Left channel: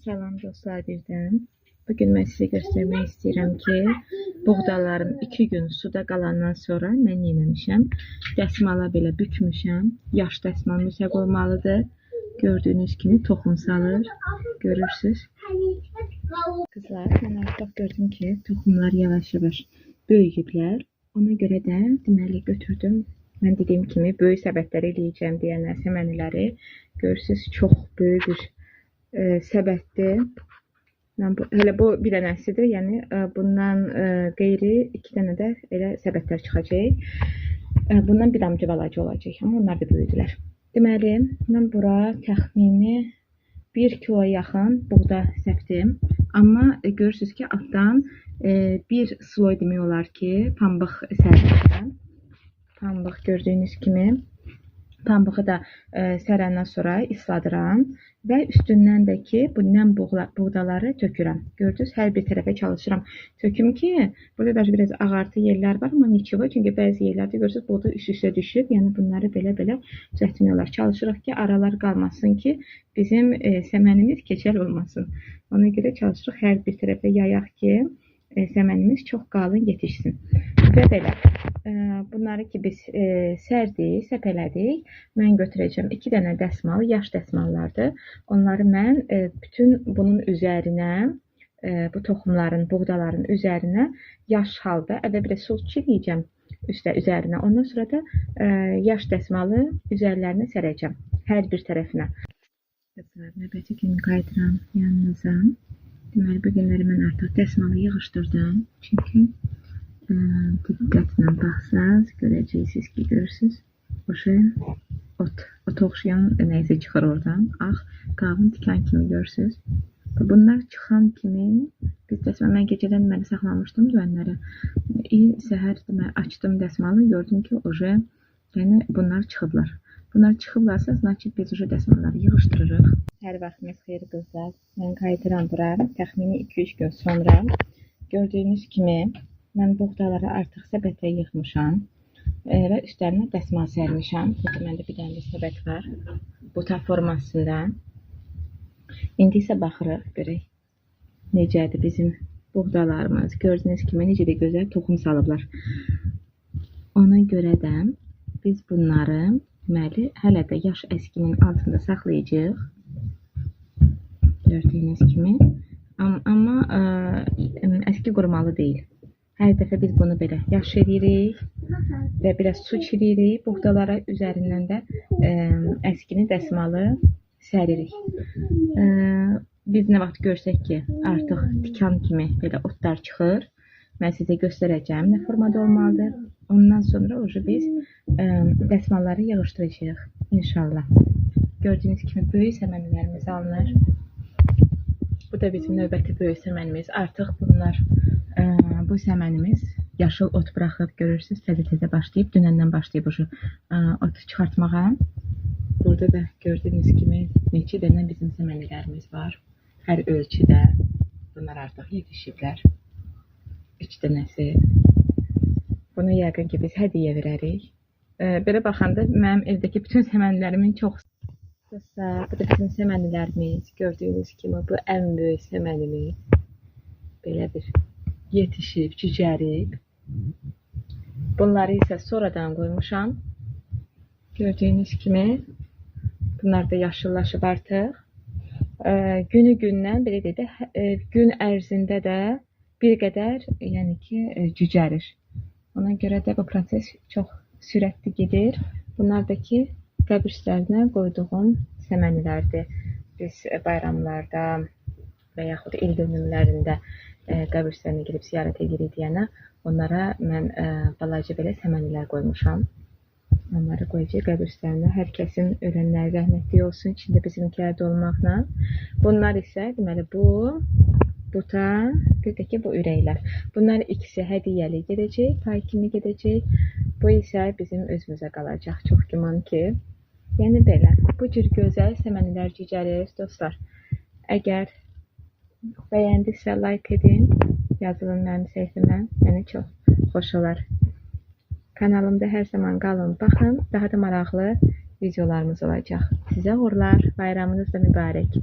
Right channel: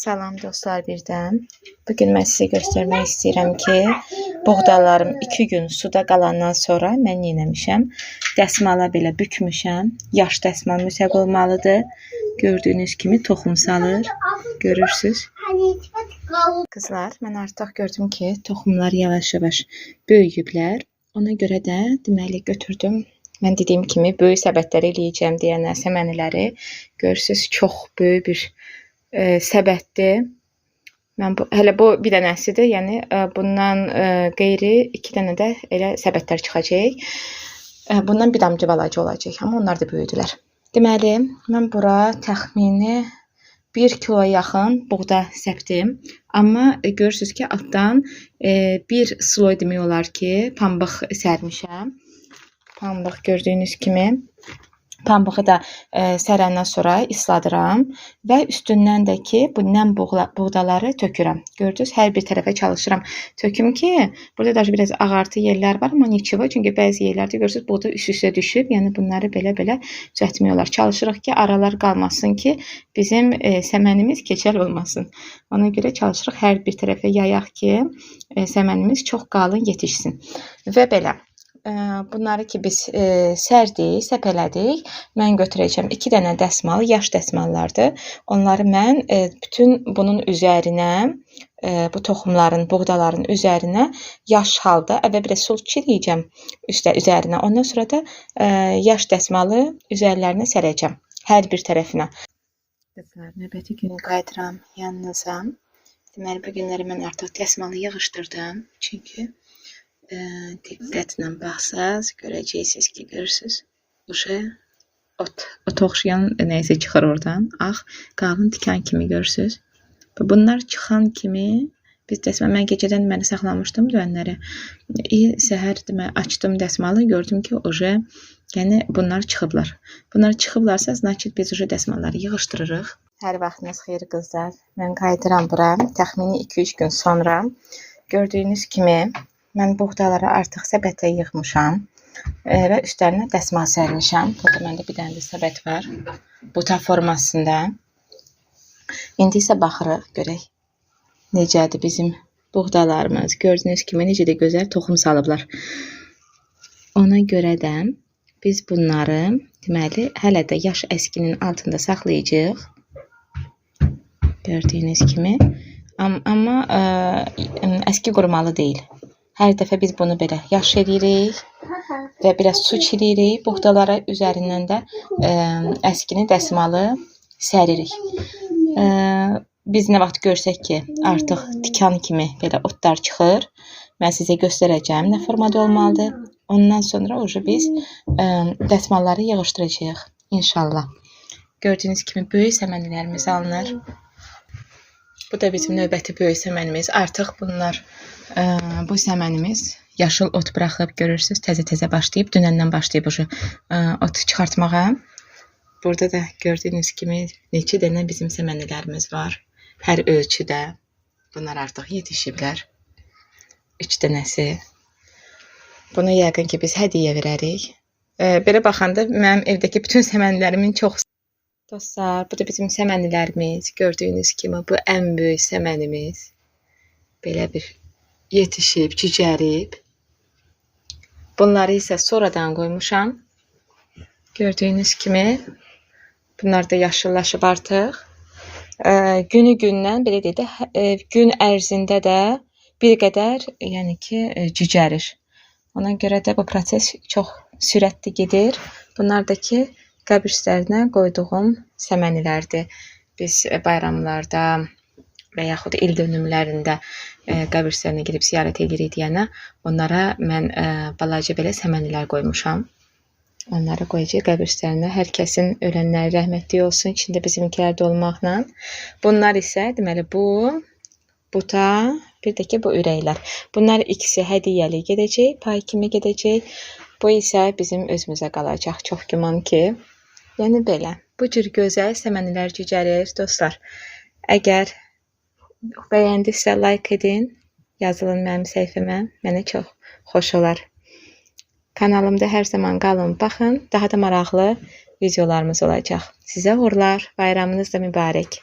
Salam dostlar birdən. Bu gün mən sizə göstərmək istəyirəm ki, buğdalarım 2 gün suda qalandan sonra mən nə etmişəm? Dəsmala belə bükmüşəm. Yaş dəsmal mütləq olmalıdır. Gördüyünüz kimi toxum salır. Görürsüz? Qızlar, mən artıq gördüm ki, toxumlar yavaş-yavaş böyüyüblər. Ona görə də deməli götürdüm. Mən dediyim kimi böyük səbətlərə eləyəcəm deyənlər səməniləri. Görürsüz, çox böyük bir e, səbətdir. Mən bu, hələ bu bir dənəsidir. Yəni e, bundan e, qeyri 2 dənə də elə səbətlər çıxacaq. E, bundan bir damcı balaca olacaq, amma onlar da böyüdülər. Deməli, mən bura təxmini 1 kiloya yaxın buğda səpdim. Amma e, görürsüz ki, altdan e, bir sloy demək olar ki, pambıq sərmişəm. Pambıq gördüyünüz kimi Pambığı da e, sərəndən sonra isladıram və üstündən də ki, bu nəm buğdaları tökürəm. Gördünüz, hər bir tərəfə çalışıram. Töküm ki, burada da biraz ağartı yerlər var, amma neçivo, çünki bəzi yerlərdə görürsüz, buğda üst-üstə düşüb. Yəni bunları belə-belə düzəltmək olar. Çalışırıq ki, aralar qalmasın ki, bizim e, səmənimiz keçəl olmasın. Ona görə çalışırıq hər bir tərəfə yayaq ki, e, səmənimiz çox qalın yetişsin. Və belə. E, bunları ki biz e, sərdik, səpələdik. Mən götürəcəm 2 dənə dəsmal, yaş dəsmallardır. Onları mən e, bütün bunun üzərinə e, bu toxumların, buğdaların üzərinə yaş halda əvvəl bir su çiləyəcəm üstə üzərinə. Ondan sonra da e, yaş dəsmalı üzərlərinə sərəcəm hər bir tərəfinə. Qızlar, növbəti gün qayıdıram yanınıza. Deməli, bu günləri mən artıq dəsmalı yığışdırdım. Çünki e, diqqətlə baxsaz görəcəksiniz ki, görürsüz. Uşa ot, ot oxşayan nəysə çıxır oradan. Ağ, qalın tikan kimi görürsüz. Və Bunlar çıxan kimi biz dəsmal mən gecədən məni saxlamışdım dönləri. İyi səhər demə açdım dəsmalı, gördüm ki, oje yəni bunlar çıxıblar. Bunlar çıxıblarsa, значит biz oje dəsmalları yığışdırırıq. Hər vaxtınız xeyir qızlar. Mən qayıdıram bura təxmini 2-3 gün sonra. Gördüyünüz kimi mən buğdaları artıq səbətə yığmışam e, və üstlərinə dəsmal sərmişəm. Burada məndə bir dənə də səbət var. Buta formasında. İndi isə baxırıq, görək necədir bizim buğdalarımız. Gördüyünüz kimi necə də gözəl toxum salıblar. Ona görə də biz bunları deməli hələ də yaş əskinin altında saxlayacağıq. Gördüyünüz kimi. Am amma ə, əski qurumalı deyil. Hər dəfə biz bunu belə yaş eləyirik və biraz su çiliyirik. Buğdalara üzərindən də ə, əskini dəsmalı səririk. Ə, biz nə vaxt görsək ki, artıq tikan kimi belə otlar çıxır, mən sizə göstərəcəm nə formada olmalıdır. Ondan sonra oje biz ə, dəsmalları yığışdıracağıq inşallah. Gördüyünüz kimi böyük səmənlərimiz alınır. Bu da bizim növbəti böyük səmənimiz. Artıq bunlar ə, bu səmənimiz yaşıl ot buraxıb görürsüz, təzə-təzə başlayıb, dünəndən başlayıb ə, ot çıxartmağa. Burada da gördüyünüz kimi neçə dənə bizim səmənələrimiz var. Hər ölçüdə. Bunlar artıq yetişiblər. 3 dənəsi. Bunu yəqin ki biz hədiyyə verərik. E, belə baxanda mənim evdəki bütün səmənlərimin çox Dostlar, bu da bizim səmənlərimiz. Gördüyünüz kimi bu ən böyük səmənimiz. Belə bir yetişib, cücərib. Bunları isə sonradan qoymuşam. Gördüyünüz kimi bunlar da yaşıllaşıb artıq. Ə, günü gündən belə deyək də ə, gün ərzində də bir qədər, yəni ki, ə, cücərir. Ona görə də bu proses çox sürətli gedir. Bunlar da ki, qəbir üstlərinə qoyduğum səmənilərdir. Biz ə, bayramlarda və yaxud il dönümlərində ə, qəbir üstlərinə gedib ziyarət edirik deyənə onlara mən ə, balaca belə səmənilər qoymuşam. Onları qoyacağıq qəbir üstlərinə. Hər kəsin ölənləri rəhmətli olsun, içində bizimkilər də olmaqla. Bunlar isə deməli bu buta, bir də ki bu ürəklər. Bunlar ikisi hədiyyəli gedəcək, pay kimi gedəcək. Bu isə bizim özümüzə qalacaq. Çox güman ki, yəni belə. Bu cür gözəl səmənilər cücərir dostlar. Əgər bəyəndinizsə like edin, yazılın mənim səhifəmə. Mənə çox xoş olar. Kanalımda hər zaman qalın, baxın. Daha da maraqlı videolarımız olacaq. Sizə uğurlar. Bayramınız da mübarək.